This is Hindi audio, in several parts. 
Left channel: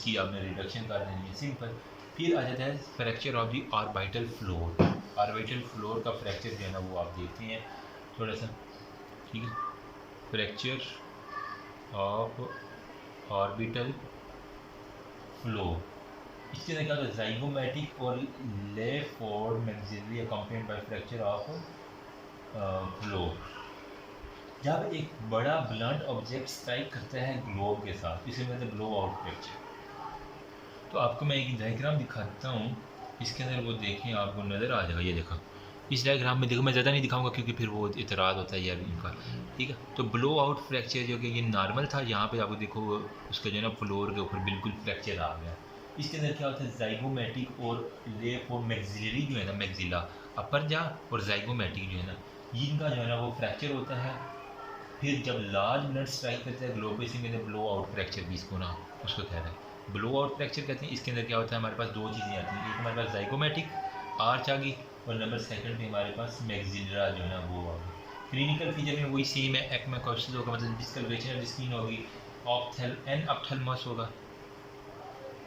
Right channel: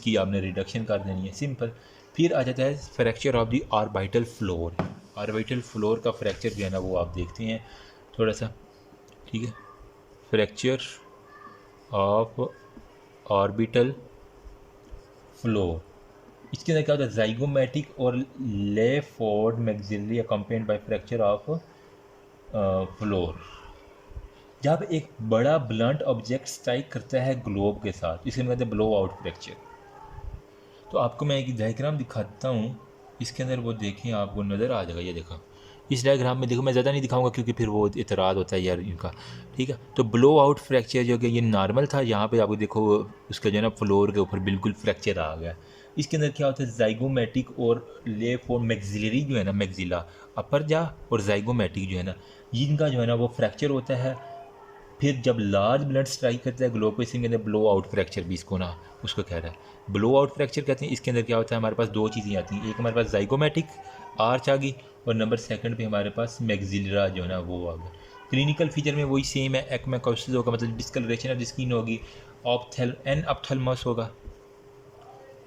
की आपने रिडक्शन कर देनी है, सिंपल। फिर आ जाता है fracture of the orbital floor. Orbital floor का फ्रैक्चर जो है ना वो आप देखते हैं थोड़ा सा, ठीक है। फ्रैक्चर ऑफ ऑर्बिटल फ्लोर, इसके अंदर क्या होता है, जाइगोमेटिक और Le Fort maxillary accompanied by fracture of floor. जब एक बड़ा ब्लंट ऑब्जेक्ट स्ट्राइक करता है ग्लोब के साथ, इसे कहते हैं ब्लो आउट फ्रैक्चर। तो आपको मैं एक डायग्राम दिखाता हूँ, इसके अंदर वो देखें, आपको नज़र आ जाएगा। ये देखो इस डायग्राम में, देखो मैं ज़्यादा नहीं दिखाऊंगा क्योंकि फिर वो इतराज़ होता है यार इनका, ठीक है। तो ब्लो आउट फ्रैक्चर जो कि ये नॉर्मल था, यहाँ पे आपको देखो उसका जो है ना फ्लोर के ऊपर बिल्कुल फ्रैक्चर आ गया। इसके अंदर क्या होता है, जाइगोमेटिक और लेफ और मैक्सिलरी जो है ना, मैक्सिला अपर जा और जाइगोमेटिक जो है ना, इनका जो है ना वो फ्रैक्चर होता है। फिर जब लार्ज ब्लड स्ट्राइक करता है ग्लोब को, इसी के अंदर ब्लो आउट फ्रैक्चर भी इसको ना उसको कह रहा है, ब्लो आउट फ्रैक्चर कहते हैं। इसके अंदर क्या होता है, हमारे पास दो चीज़ें आती हैं, एक हमारे पास जाइगोमेटिक आर्च आ गई और नंबर सेकंड पे हमारे पास मैक्सिलरा जो है ना वो आ गई। क्लिनिकल फीचर में वही सेम है, एक्मेकोसिस होगा, मतलब डिस्कलरेशन ऑफ द स्किन होगी, ऑप्थेल्मस होगा।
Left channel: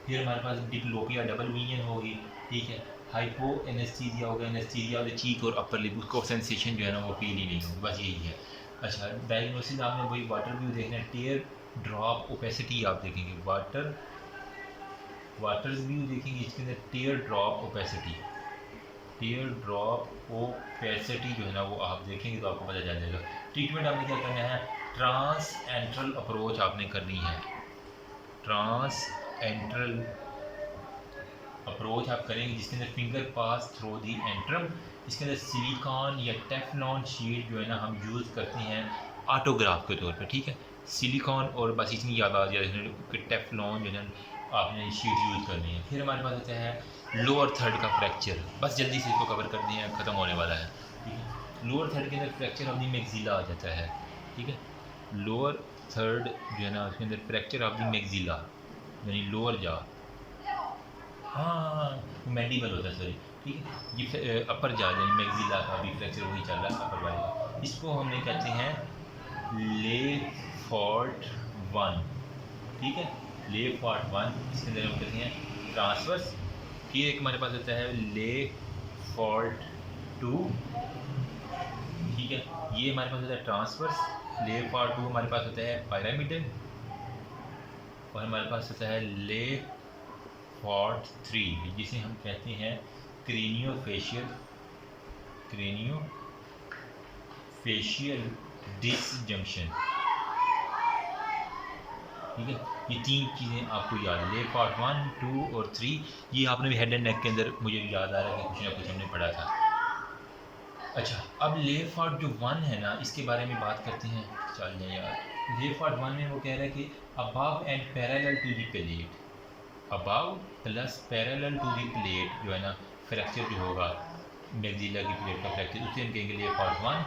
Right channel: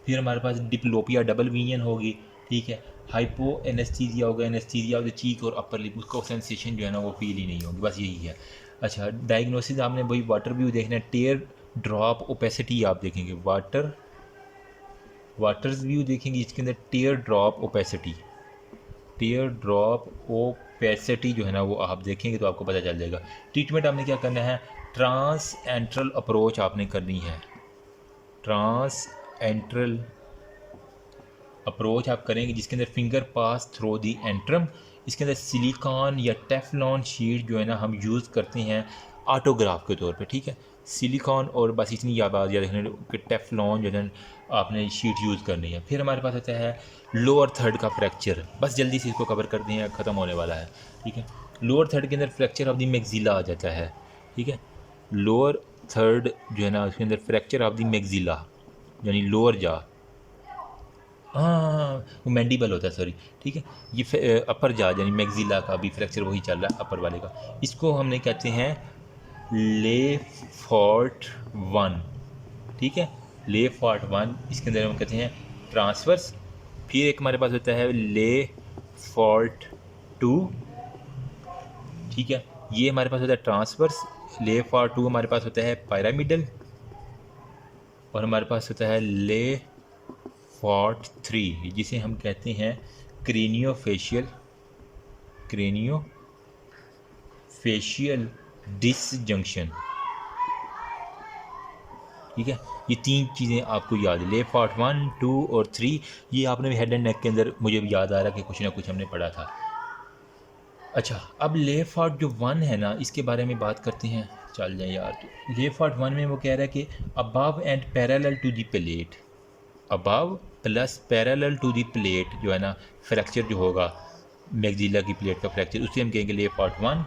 फिर हमारे पास डिप्लोपिया डबल विजन होगी, ठीक है। हाइपो एनेस्थीसिया होगा, एनेस्थीसिया ऑफ द चीक और अपर लिप, उसको सेंसेशन जो है ना वो फील ही नहीं होगी, बस यही है। अच्छा, डायग्नोसिस आपने वही वाटर व्यू देखना है, टेयर ड्रॉप ओपेसिटी आप देखेंगे, वाटर्स व्यू देखेंगे, इसके अंदर टेयर ड्रॉप ओपेसिटी, टेयर ड्रॉप ओपेसिटी जो है ना वो आप देखेंगे तो आपको पता चल जाएगा। ट्रीटमेंट आपने क्या करना है, ट्रांस एंट्रल अप्रोच आपने करनी है, ट्रांस एंट्रल अप्रोच आप करेंगे, जिसके अंदर फिंगर पास थ्रो दी एंट्रम। इसके अंदर सिलिकॉन या टेफलॉन शीट जो है ना हम यूज़ करते हैं ऑटोग्राफ के तौर पे, ठीक है। सिलिकॉन और बस इतनी याद आ जाए कि टेफलॉन जो है आपने शीट यूज़ करनी है। फिर हमारे पास आता है लोअर थर्ड का फ्रैक्चर, बस जल्दी से इसको कवर कर दिए, ख़त्म होने वाला है, ठीक है। लोअर थर्ड के अंदर फ्रैक्चर ऑफ द मैक्सिला आ जाता है, ठीक है। लोअर थर्ड जो है ना उसके अंदर फ्रैक्चर ऑफ द मैक्सिला यानी लोअर जा, हाँ वो मैंडिबल होता है, सॉरी, ठीक है। ये अपर जा यानी मैक्सिला का भी फ्रैक्चर वही चल रहा है अपर वाले का, इसको हमने कहते हैं ले फॉर्ट वन, ठीक है, ले फॉर्ट वन। इसके अंदर हम कहते हैं ट्रांसवर्स। फिर एक हमारे पास होता है ले फॉर्ट टू, ठीक है, ये हमारे पास होता है ट्रांसवर्स। ले फॉर्ट टू हमारे पास होता है पिरामिडल, और हमारे पास होता है ले फॉर्ट थ्री, जिसे हम कहते हैं क्रेनियोफेशियल डिसजंक्शन, ठीक है। ये तीन चीज़ें आपको याद है, ले फॉर्ट वन टू और थ्री। ये आपने भी हेड एंड नेक के अंदर मुझे भी याद आ रहा है कि कुछ ना कुछ हमने पढ़ा था। अच्छा, अब ले फॉर्ट जो वन है ना इसके बारे में बात करते हैं, चल जाए यार। ले फॉर्ट वन में वो कह रहा है कि above and parallel to the plate, above plus parallel to the plate जो है ना फ्रैक्चर जो होगा मैक्सिला की प्लेट का फ्रैक्चर, उसे हम कहेंगे ले फॉर्ट वन।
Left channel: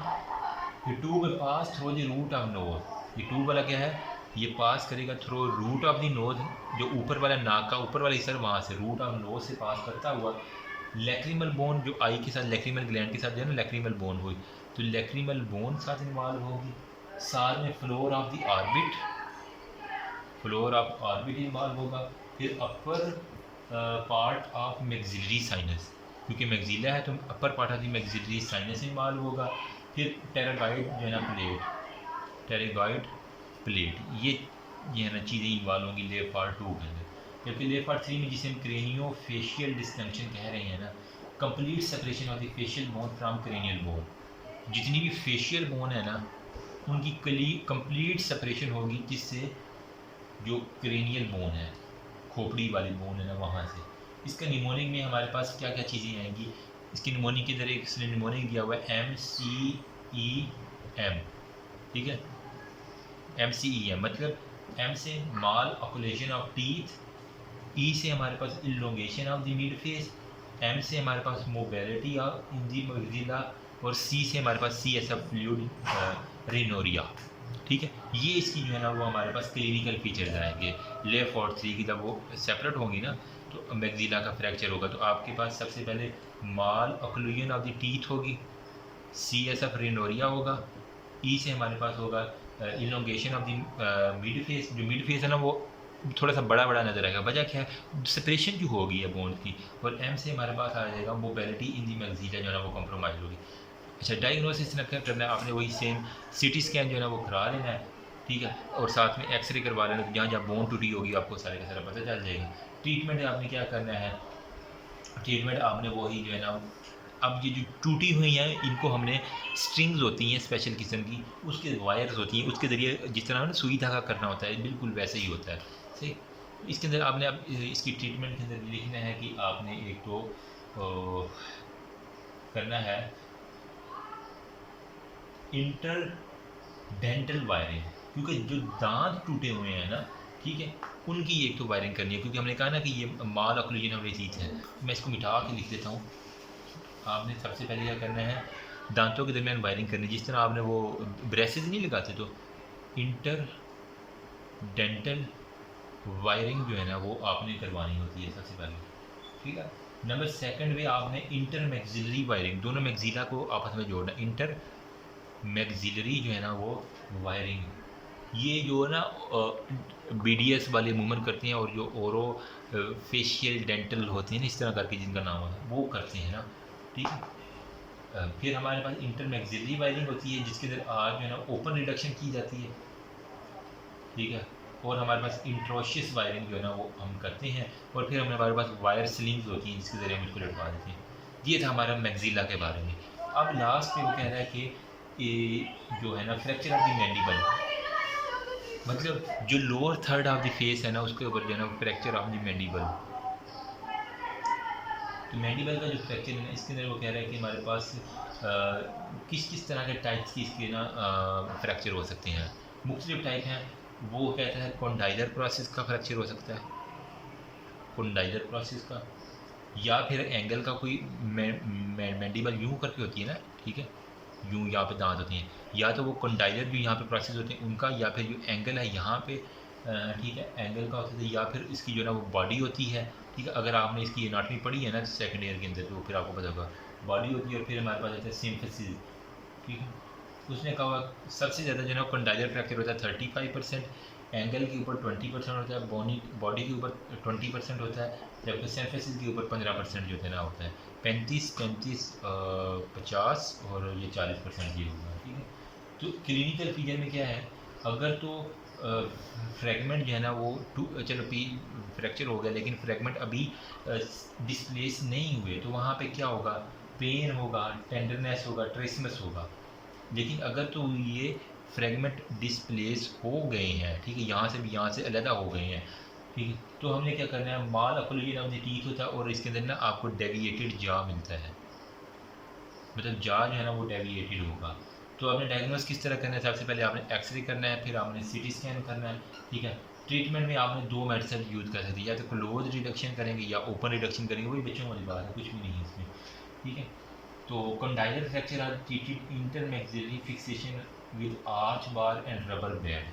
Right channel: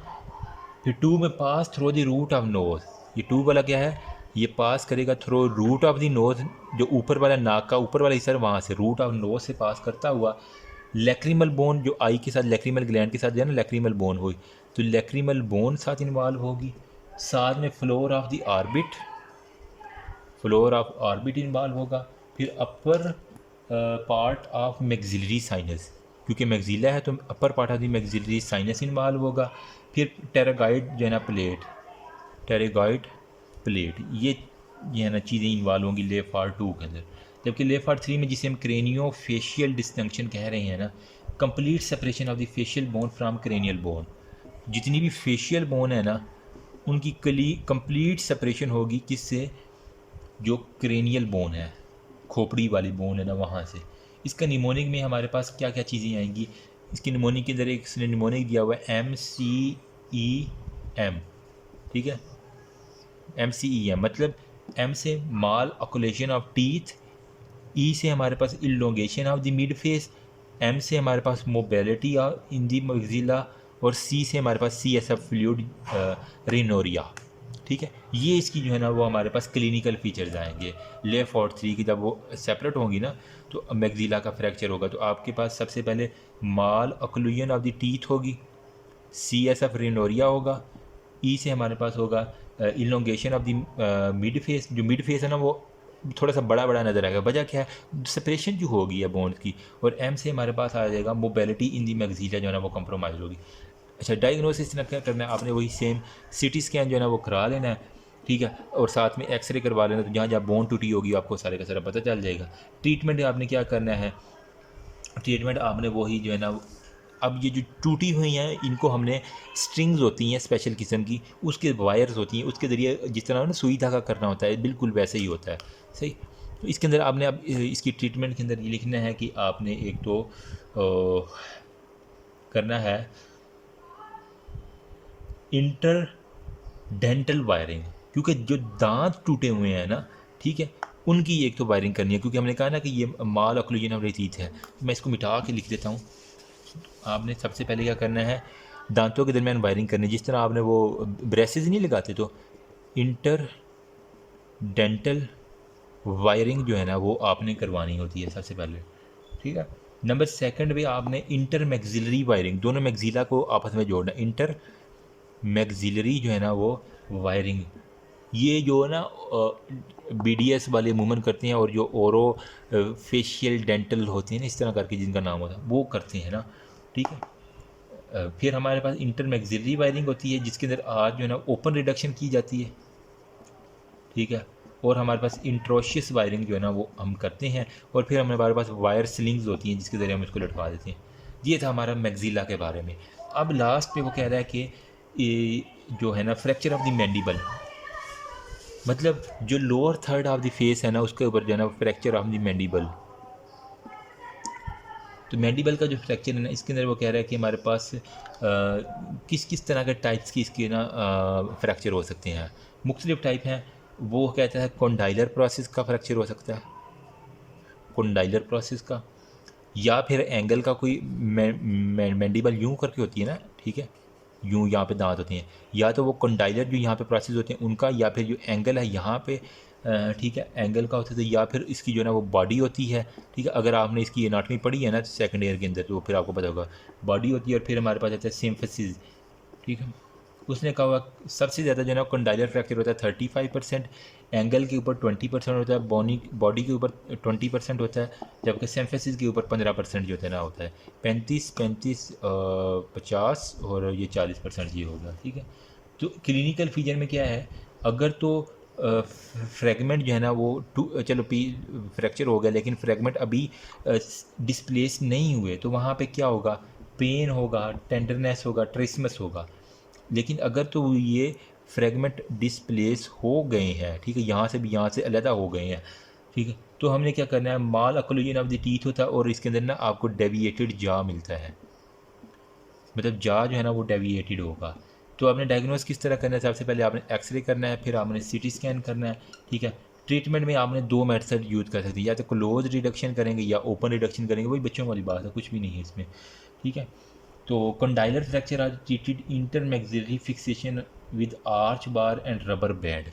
फिर टू में pass through the root of nose, ये टू वाला क्या है, ये पास करेगा through root of the nose, जो ऊपर वाला नाक का ऊपर वाला हिस्सा वहाँ से रूट ऑफ नोज से पास करता हुआ लैक्रिमल बोन, जो आई के साथ लैक्रिमल ग्लैंड के साथ जो है ना लैक्रिमल बोन हुई, तो लैक्रिमल बोन साथ इन्वॉल्व होगी। साथ में floor of the orbit, floor of orbit involve होगा। फिर upper part of maxillary sinus, क्योंकि मैक्सिला है तो upper part of the maxillary sinus involve होगा। फिर टेरागाइड जो है ना प्लेट, टेरागाइड प्लेट, ये है ना चीज़ें इन्वॉल्व होंगी ले फॉर्ट टू के अंदर। जबकि ले फॉर्ट थ्री में जिसे हम क्रेनियो फेशियल डिस्टिंक्शन कह रहे हैं ना, complete separation of the facial bone from cranial bone, जितनी भी फेशियल बोन है ना उनकी कंप्लीट सेपरेशन होगी, किससे, जो क्रेनियल बोन है, खोपड़ी वाली बोन है ना वहाँ से। इसका निमोनिक में हमारे पास क्या क्या चीज़ें आएंगी, इसकी निमोनिक के अंदर एक निमोनिक दिया हुआ है MCEM, ठीक है, MCEM मतलब M से malocclusion of teeth, E से हमारे पास elongation of the mid face, M से हमारे पास मोबिलिटी इन दी मैक्सिला, और C से हमारे पास CSF फ्लूइड रिनोरिया, ठीक है। ये इसकी जो है ना वो हमारे पास क्लिनिकल फीचर्स आएंगे। ले फॉर्ट थ्री की जब वो सेपरेट होंगी ना तो मैक्सिला का फ्रैक्चर होगा, तो आपके पास सबसे पहले माल ऑक्लूजन ऑफ द टीथ होगी, CSF रिनोरिया होगा, E से हमारे पास होगा elongation of the mid face, जो मिड फेस है ना वो थोड़ा सा बड़ा बड़ा नज़र आएगा। वजह क्या है, सेपरेशन जो होगी है बोन्स की, और एम से हमारे पास आ जाएगा मोबिलिटी इन दी मैगजीला जो है ना वो कंप्रोमाइज़ होगी। अच्छा, डायग्नोसिस ना क्या करना है आपने, वही सेम सीटी स्कैन जो है ना वो करा लेना है, ठीक है, और साथ में एक्सरे करवा लेना, तो जहाँ जहाँ बोन टूटी होगी आपको सारे का सारा पता चल जाएगा। ट्रीटमेंट आपने क्या करना है, ट्रीटमेंट आपने वही जो है ना, अब ये जो टूटी हुई हैं इनको हमने स्ट्रिंग्स होती हैं स्पेशल किस्म की, उसके वायर्स होती हैं, उसके ज़रिए जिस तरह ना सुई धागा करना होता है बिल्कुल वैसे ही होता है, सही। तो इसके अंदर आपने अब इसकी ट्रीटमेंट के अंदर ये लिखना है कि आपने एक तो करना है इंटर डेंटल वायरिंग, क्योंकि जो दांत टूटे हुए हैं ना, ठीक है, उनकी एक तो वायरिंग करनी है, क्योंकि हमने कहा ना कि ये माल ऑक्लूजन हमारी चीज़ है। मैं इसको मिटा के लिख देता हूँ। आपने सबसे पहले क्या करना है, दांतों के दरमियान वायरिंग करनी है, जिस तरह आपने वो ब्रेसेस नहीं लगाते, तो इंटर डेंटल वायरिंग जो है ना वो आपने करवानी होती है सबसे पहले, ठीक है। नंबर सेकंड पे आपने इंटर मैक्सिलरी वायरिंग, दोनों मैक्सिला को आपस में जोड़ना, इंटर मैक्सिलरी जो है ना वो वायरिंग, ये जो है ना BDS वाले मूवमेंट करते हैं, और जो ओरो फेशियल डेंटल होते हैं ना इस तरह करके जिनका नाम होता है वो करते हैं ना, ठीक है। फिर हमारे पास इंटर मैक्सिलरी वायरिंग होती है जिसके अंदर आर जो है ना ओपन रिडक्शन की जाती है, ठीक है, और हमारे पास इंट्रोशियस वायरिंग जो है ना वो हम करते हैं, और फिर हमारे पास वायर स्लिंग्स होती हैं जिसके ज़रिए हम इसको लटका देते हैं। ये था हमारा मैक्सिला के बारे में। अब लास्ट पे वो कह रहा है कि ये जो है ना फ्रैक्चर ऑफ द मैंडिबल, मतलब जो lower third of the face है ना उसके ऊपर जो है ना फ्रैक्चर ऑफ द मैंडिबल। तो मैंडिबल का जो फ्रैक्चर है ना इसके अंदर वो कह रहा है कि हमारे पास किस किस तरह के टाइप्स की इसके ना फ्रैक्चर हो सकते हैं। मुख्तलिफ टाइप हैं। वो कहता है कॉन्डाइलर प्रोसेस का फ्रैक्चर हो सकता है, कॉन्डाइलर प्रोसेस का, या फिर एंगल का कोई मैंडिबल यूँ करके होती है ना, ठीक है, यूँ यहाँ पे दांत होते हैं, या तो वो कॉन्डाइलर जो यहाँ पे प्रोसेस होते हैं उनका, या फिर जो एंगल है यहाँ पे, ठीक है, एंगल का होता है, या फिर इसकी जो है ना वो बॉडी होती है, ठीक है। अगर आपने इसकी एनाटॉमी पढ़ी है ना सेकंड ईयर के अंदर तो फिर आपको पता होगा बॉडी होती है, और फिर हमारे पास आता है सिम्फेसिस, ठीक है। उसने कहा सबसे ज़्यादा जो है ना कॉन्डाइलर फ्रैक्चर होता है 35%, एंगल के ऊपर 20% होता है, बॉडी के ऊपर 20% होता है, जबकि सिम्फेसिस के ऊपर 15% जो होता है ना होता है, 50 और ये 40% ये होगा, ठीक है। तो क्लिनिकल फीचर में क्या है, अगर तो फ्रैगमेंट जो है ना वो चलो फ्रैक्चर हो गया लेकिन फ्रैगमेंट अभी डिस्प्लेस नहीं हुए, तो वहाँ पे क्या होगा, पेन होगा, टेंडरनेस होगा, ट्रेसमस होगा। लेकिन अगर तो ये फ्रैगमेंट डिस्प्लेस हो गए हैं, ठीक है, यहाँ से भी यहाँ से अलग हो गए हैं, ठीक है, तो हमने क्या करना है, माल ऑक्लूजन ऑफ द टीथ होता है, और इसके अंदर ना आपको डेविएटेड जा मिलता है, मतलब जा जो है ना वो डेविएटेड होगा। तो आपने डायग्नोस किस तरह करना है, सबसे पहले आपने एक्सरे करना है, फिर आपने CT स्कैन करना है, ठीक है। ट्रीटमेंट में आपने दो मेथड यूज़ कर सकते हैं, या तो क्लोज रिडक्शन करेंगे या ओपन रिडक्शन करेंगे, वही बच्चों वाली बात है, कुछ भी नहीं है इसमें, ठीक है। तो condylar fracture are treated intermaxillary fixation with arch bar and rubber band.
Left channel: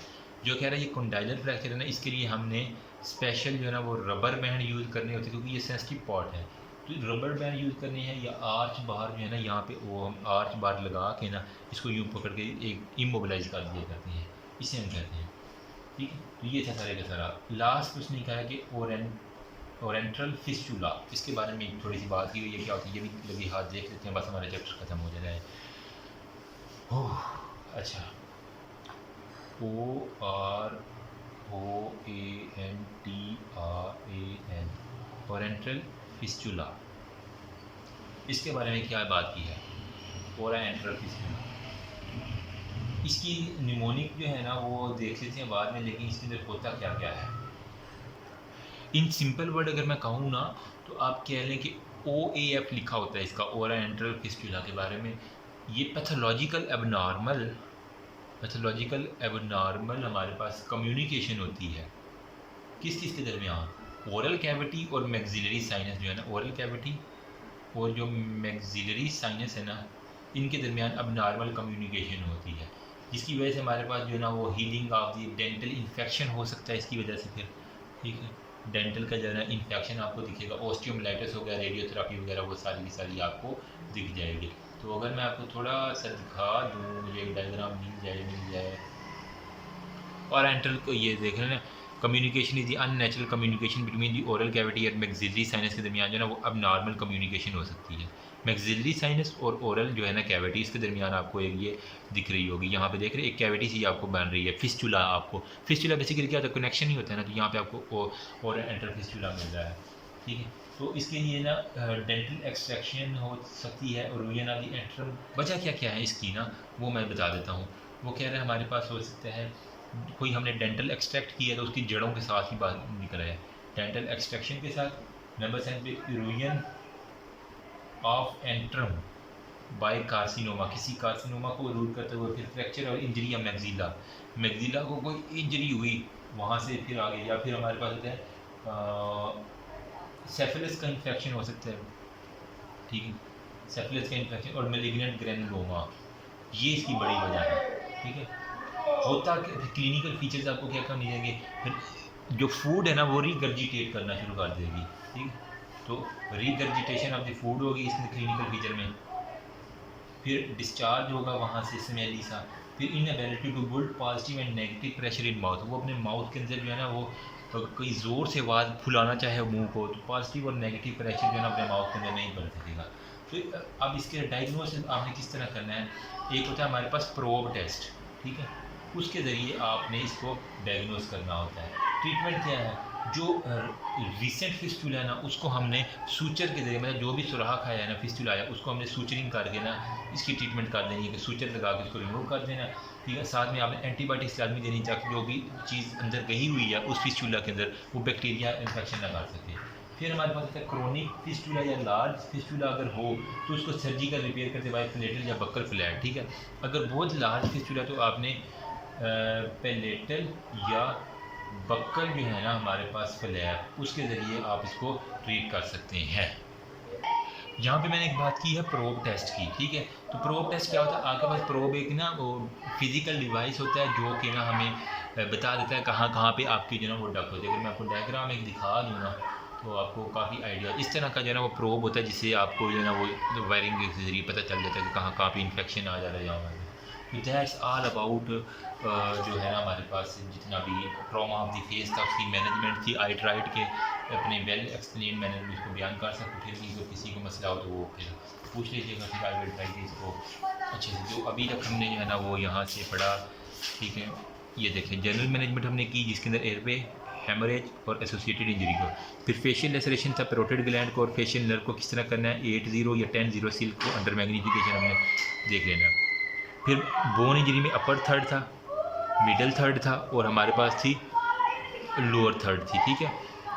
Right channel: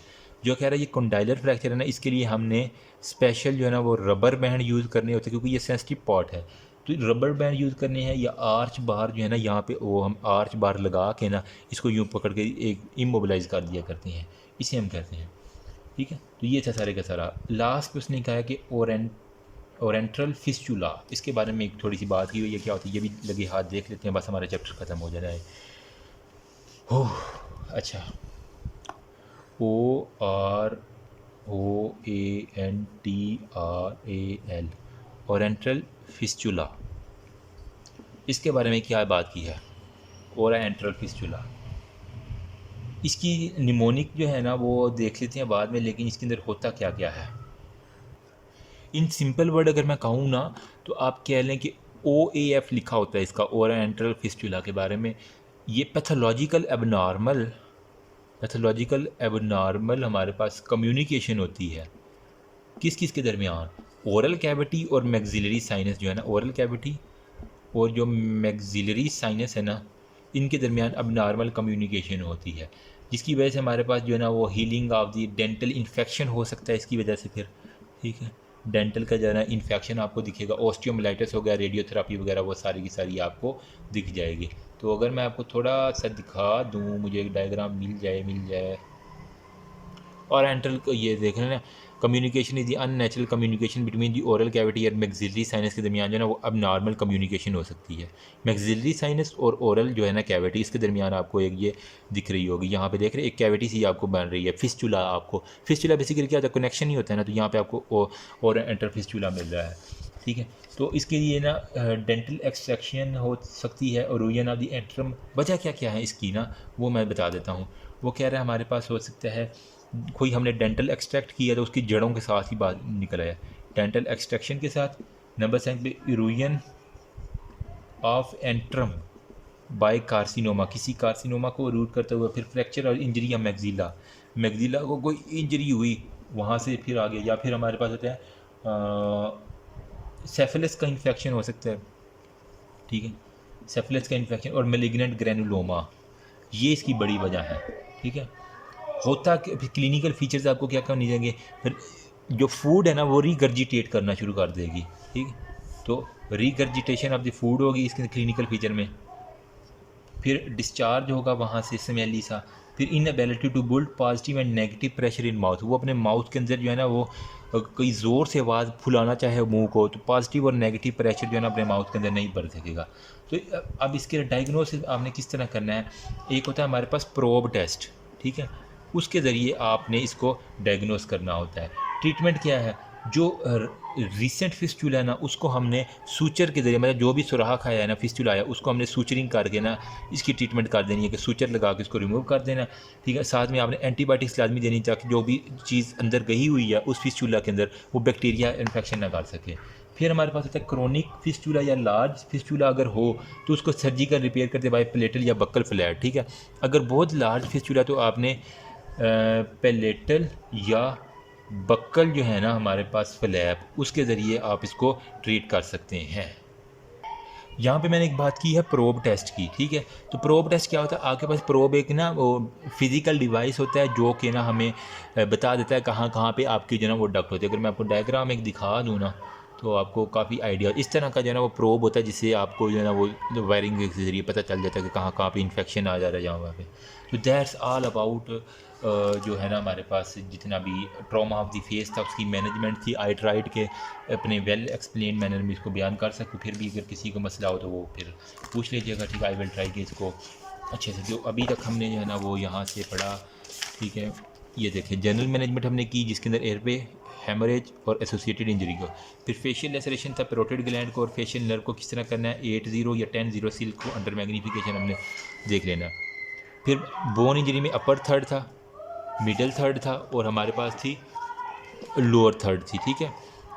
जो कह रहा है ये कंडाइलर फ्रैक्चर है ना, इसके लिए हमने स्पेशल जो है ना वो रबर बैंड यूज़ करने होते हैं, क्योंकि ये सेंसिटिव पार्ट है, तो रबर बैंड यूज़ करने हैं, या आर्च बार जो है ना यहाँ पे वो हम आर्च बार लगा के ना इसको यूँ पकड़ के एक इमोबिलाइज कर दिया करते हैं, इसे हम कहते हैं, ठीक है। तो ये था सारे का सारा। लास्ट पे उसने कहा है कि ओरेंट्रल फिस्चुला, इसके बारे में एक थोड़ी सी बात की हुई है, क्या होती है ये भी लगे हाथ देख लेते हैं, बस हमारा चैप्टर ख़त्म हो जाना है। ओह अच्छा, OROANTRAL, ओरेंट्रल फिस्चुला, इसके बारे में क्या बात की है। ओरेंट्रल फिस्चुला, इसकी निमोनिक जो है ना वो देख लेते हैं बाद में, लेकिन इसके अंदर होता क्या क्या है। इन सिंपल वर्ड अगर मैं कहूँ ना तो आप कह लें कि OAF लिखा होता है इसका, ओरेंट्रल फिस्चुला के बारे में। ये पैथोलॉजिकल एबनॉर्मल हमारे पास कम्युनिकेशन होती है किस किस के दरमियान, ओरल कैविटी और मैक्सिलरी साइनस जो है ना, ओरल कैविटी और जो मैक्सिलरी साइनस है ना इनके दरमियान अबनॉर्मल कम्युनिकेशन होती है, जिसकी वजह से हमारे पास जो है ना वो healing of the dental infection हो सकता है इसकी वजह से फिर, ठीक है। डेंटल का जो है ना इन्फेक्शन आपको दिखेगा, ऑस्टियोमाइलाइटिस हो गया, रेडियोथेरापी वगैरह वो सारी की सारी आपको दिख जाएगी। तो अगर मैं आपको थोड़ा सा दिखा दूँ, मुझे एक डायग्राम मिल जाए। और एंट्रल को ये देख रहे हैं communication is the unnatural communication between the oral cavity और मैक्सिलरी साइनस के दरमियान जो है ना वो अब नॉर्मल कम्युनिकेशन हो सकती है। मैक्सिलरी साइनस और ओरल जो है ना कैविटी, इसके दरमियान आपको एक ये दिख रही होगी, यहाँ पे देख रहे हैं एक कैविटी सी आपको बन रही है, फिस्टुला। आपको फिस्टुला बेसिकली क्या होता है, कनेक्शन ही होता है ना, तो यहाँ पे आपको और एंटर फिस्टुला मिल रहा है, ठीक है। तो इसके लिए ना डेंटल एक्सट्रैक्शन हो सकती है और रूयन ऑफ द एंट्रम। वजह क्या क्या है इसकी ना, वो मैं बता देता हूँ। वो कह रहा है हमारे पास हो सकता है कोई हमने डेंटल एक्सट्रैक्ट किया तो उसकी जड़ों के साथ ही बात निकल आया, डेंटल एक्सट्रैक्शन के साथ। नंबर 7 पे erosion of antrum by carcinoma, किसी कार्सिनोमा को रूट करते हुए। फिर फ्रैक्चर और इंजरी ऑफ मैक्सिला, मैक्सिला को कोई इंजरी हुई वहाँ से फिर आगे, या फिर हमारे पास होता है सेफिलिस का इन्फेक्शन हो सकता है, ठीक है, सेफिलिस का इन्फेक्शन और मेलिग्नेंट ग्रेनुलोमा, ये इसकी बड़ी वजह है, ठीक है। होता फिर क्लिनिकल फीचर्स आपको क्या करनी जाएंगे, फिर जो फूड है ना वो रिगर्जिटेट करना शुरू कर देगी, ठीक है। तो रिगर्जिटेशन ऑफ द फूड होगी इसके क्लिनिकल फीचर में। फिर डिस्चार्ज होगा वहाँ से स्मेली सा। फिर inability to build positive and negative pressure in mouth, वो अपने माउथ के अंदर जो है ना वो कोई ज़ोर से आवाज़ फुलाना चाहे मुंह को, तो पॉजिटिव और नेगेटिव प्रेशर जो है ना अपने माउथ के अंदर नहीं बढ़ सकेगा। तो अब इसके डायग्नोसिस आपने किस तरह करना है, एक होता है हमारे पास प्रोब टेस्ट, ठीक है, उसके ज़रिए आपने इसको डायग्नोस करना होता है। ट्रीटमेंट क्या है, जो रिसेंट फिस्टुला है ना उसको हमने सूचर के ज़रिए, मतलब जो भी सुराख आया है ना फिस्टुला आया उसको हमने सूचरिंग करके ना इसकी ट्रीटमेंट कर देनी है कि सूचर लगा के उसको रिमूव कर देना, ठीक है। साथ में आपने एंटीबायोटिक्स लाजमी देनी ताकि जो भी चीज़ अंदर गई हुई है उस फिस्टुला के अंदर वो बैक्टीरिया इन्फेक्शन ना कर सके। फिर हमारे पास होता है क्रोनिक फिस्टुला या लार्ज फिस्टुला अगर हो तो उसको सर्जिकल रिपेयर करते बाय प्लेटल या बक्कल फ्लैट, ठीक है। अगर बहुत लार्ज फिस्टुला तो आपने पेलेटल या बक्कल जो है ना हमारे पास फ्लैप, उसके ज़रिए आप इसको ट्रीट कर सकते हैं। यहाँ पे मैंने एक बात की है प्रोब टेस्ट की, ठीक है। तो प्रोब टेस्ट क्या होता है, आपके पास प्रोब एक ना वो फिज़िकल डिवाइस होता है जो कि ना हमें बता देता है कहाँ कहाँ पे आपकी जो है ना वो डक होती है। अगर मैं आपको डायग्राम एक दिखा दूँ ना तो आपको काफ़ी आइडिया इस तरह का जो है ना वो प्रोब होता है जिससे आपको जो है ना वो वायरिंग के ज़रिए पता चल जाता है कि कहाँ कहाँ पे इन्फेक्शन आ जा रहा है यहाँ पे। तो दैट्स ऑल अबाउट जो है ना हमारे पास जितना भी ट्रॉमा ऑफ द फेस था उसकी मैनेजमेंट थी। आई ट्राइड के अपने वेल एक्सप्लेन मैनर में इसको बयान कर सकूँ, फिर भी अगर किसी को मसला हो तो वो फिर पूछ लीजिएगा, ठीक है। आई विल ट्राई कि इसको अच्छे से, जो अभी तक हमने जो है ना वो यहाँ से पढ़ा, ठीक है। ये देखिए जनरल मैनेजमेंट हमने की जिसके अंदर एयरवे, हेमरेज और एसोसिएटेड इंजरी को। फिर फेशियल लेसरेशन था, पैरोटिड ग्लैंड को और फेशियल नर्व को किस तरह करना है, 8-0 या 10-0 सिल्क को अंडर मैग्नीफिकेशन हमने देख लेना। फिर बोन इंजरी में अपर थर्ड था, मिडल थर्ड था और हमारे पास थी लोअर थर्ड थी, ठीक है।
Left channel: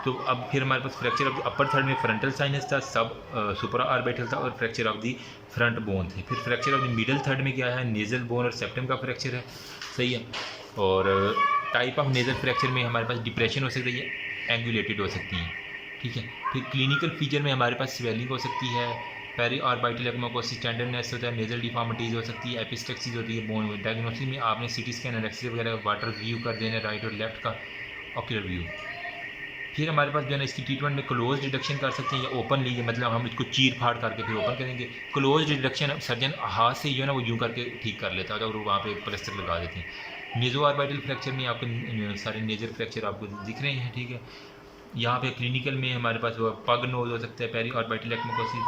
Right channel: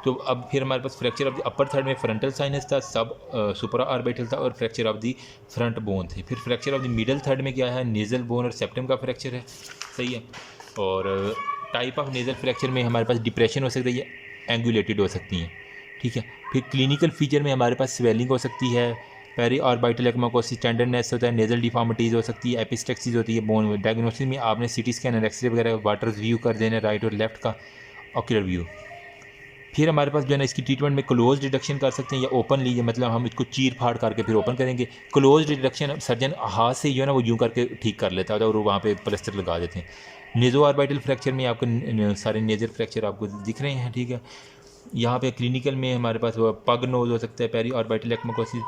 तो अब फिर हमारे पास fracture of the upper third में फ्रंटल साइनस था, सब सुपरा ऑर्बिटल था और fracture of the front bone थे। फिर fracture of the middle third में क्या है, नेज़ल बोन और सेप्टम का फ्रैक्चर है, सही है। और टाइप ऑफ नेज़ल फ्रैक्चर में हमारे पास डिप्रेशन हो सकती है, एंगुलेटेड हो सकती हैं, ठीक है। फिर क्लिनिकल फीचर में हमारे पास स्वेलिंग हो सकती है, पेरी ऑर्बिटल एक्माकोसिस, टेंडरनेस होता है, नेजल डिफॉर्मिटीज़ हो सकती है, एपिस्टेक्सिस होती है बोन में। डायग्नोसिस में आपने सीटी स्कैन और एक्सरे वगैरह वाटर व्यू कर देना, राइट और लेफ्ट का ऑक्यूलर व्यू। फिर हमारे पास जो है ना इसकी ट्रीटमेंट में क्लोज डिडक्शन कर सकते हैं या ओपन लीजिए, मतलब हम इसको चीर फाड़ करके फिर ओपन करेंगे। क्लोज डिडक्शन सर्जन हाथ से जो है ना वो यूँ करके ठीक कर लेता है और वहाँ पे प्लास्टर लगा देते हैं। नेजो ऑर्बिटल फ्रैक्चर में आपके सारे नेजर फ्रैक्चर आपको दिख रहे हैं, ठीक है। यहाँ पे क्लिनिकल में हमारे पास वो पग नोज हो सकता है, पेरी ऑर्बिटल एक्माकोसिस,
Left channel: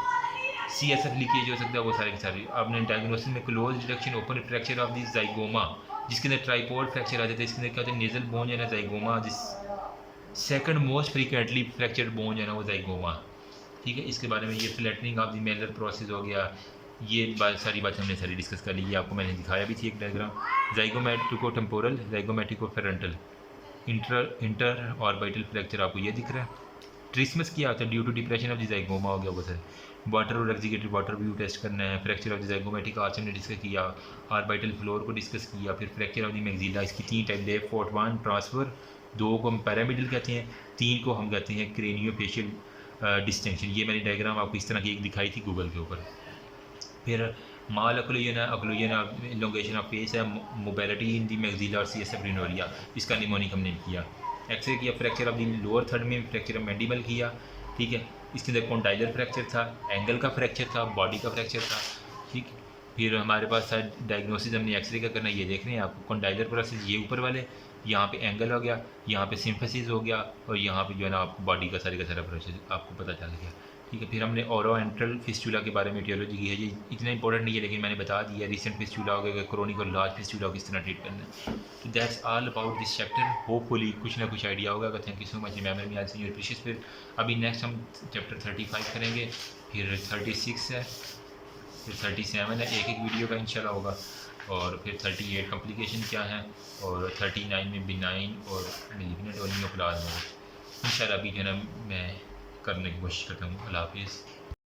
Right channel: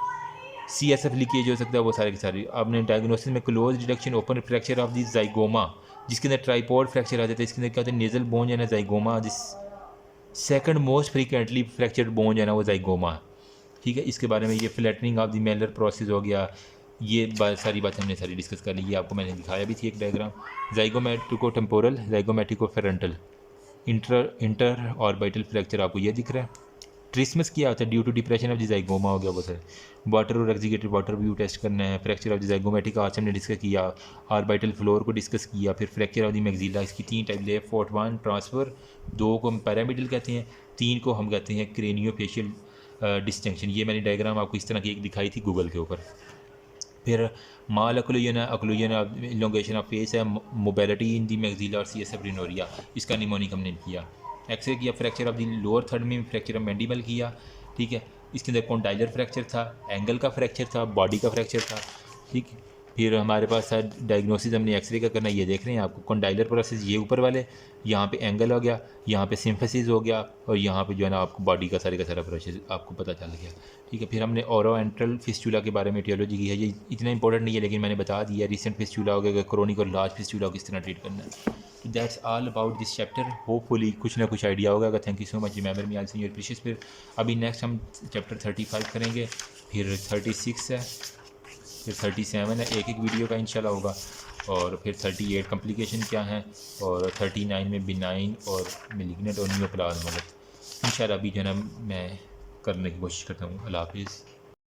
CSF लीकेज हो सकता है, वो सारे के सारे। आपने डायग्नोसिस में close deduction, open fracture of the zygoma जिसके अंदर ट्राइपॉड फ्रैक्चर आ जाता है, इसके अंदर क्या होता है नेजल बोन है ना जाइगोमा, जिस second most frequently fractured bone है ना वो जाइगोमा, ठीक है। इसके बारे में ये flattening of the Mailer process हो गया, ये सारी बातें हमने सारी डिस्कस कर ली। ये आपको मैंने दिखाया भी थी एक diagram. Zygomatico temporal, zygomatico frontal, inter orbital fracture आपको ये दिख रहा है। ट्रिसमस किया होता है due to depression of the zygoma हो गया वो सर। वाटर और एक्जिगेटेड वाटर व्यू टेस्ट करना है। Fracture of the zygomatic arch हमने डिस्कस किया, ऑर्बिटल फ्लोर को डिस्कस किया। फिर फ्रैक्चर ऑफ द मैक्सिला, इसकी 3 टाइप, लेफ्ट फोर्थ 1 ट्रांसफ़र, 2 को हम पैरामिडल कहते हैं, 3 को हम कहते हैं क्रेनियोफेशियल डिस्टेंशन। ये मैंने डायग्राम आपको इस तरह की एक दिखाई थी गूगल के ऊपर। फिर माल अक्लूजन है, अक्लूजन इलोंगेशन ऑफ फेस है, मोबिलिटी इन दी मैक्सिला और CSF रिनोरिया, इसका निमोनिक हमने किया। एक्सरे किया, fracture of the lower third में फ्रैक्चर ऑफ मैंडिबल किया, ठीक है। इसके अंदर कॉन्डाइलर फ्रैक्चर था, एंगल का फ्रैक्चर था, बॉडी का फ्रैक्चर था, ठीक। फिर हमारे पास डायग्नोसिस हमने एक्सरे का करना, ये देख रहे हैं आपको कॉन्डाइलर प्रोसेस, ये ऊपर वाले यहाँ पे एंगल हो गया, यहाँ पे सिम्फेसिस हो गया, और यहाँ पे जो है ना आपको बॉडी का सारा प्रोसेस आपको पता चल गया। ठीक है, फिर हमने ओरोएंट्रल फिस्टूला के बारे में टियोलॉजी की है। ये इतना इंपॉर्टेंट नहीं है, लेकिन मैंने बता दिया। रिसेंट फिस्टूला हो गया, क्रोनिक और लार्ज फिस्टूला को किस तरह ट्रीट करना है। तो that's all about this chapter. Hopefully कुछ ना कुछ आइडिया होगा। Thank you so much. Remember me also your precious. फिर अभी नेक्स्ट हम चैप्टर 35 करेंगे, फिर 36 है, फिर 37 है, एक एक वीडियो का इंशाल्लाह होगा, और फिर 38 कॉम्प्लिकेशन क्या है, और 39 में बिनाइन और मिलिग्नेंट और नियोप्लाज्म। इंशाल्लाह अभी जो है ना मैं करने की कोशिश करता हूँ। अल्लाह हाफिज़।